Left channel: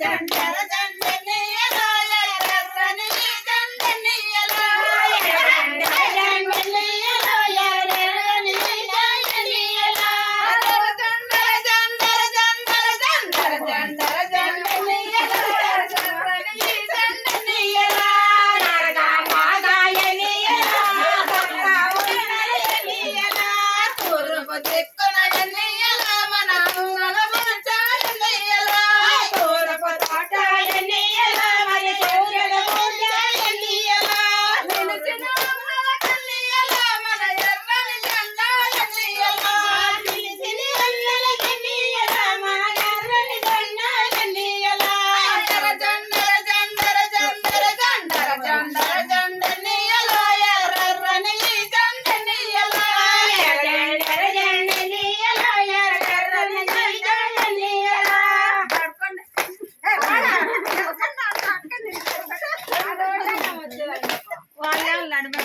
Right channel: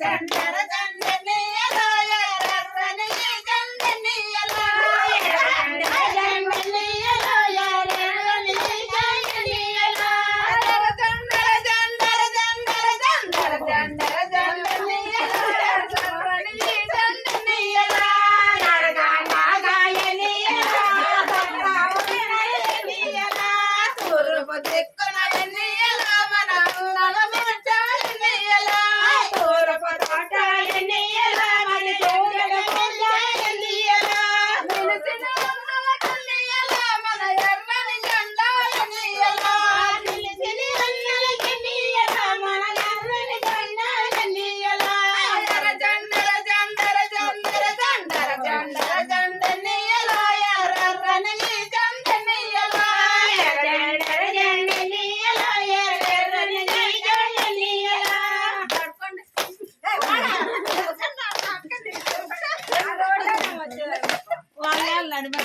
దండర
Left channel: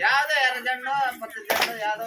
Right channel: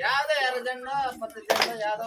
యాదో ఎర్ర జెండో పచ్చ జెండో యాదో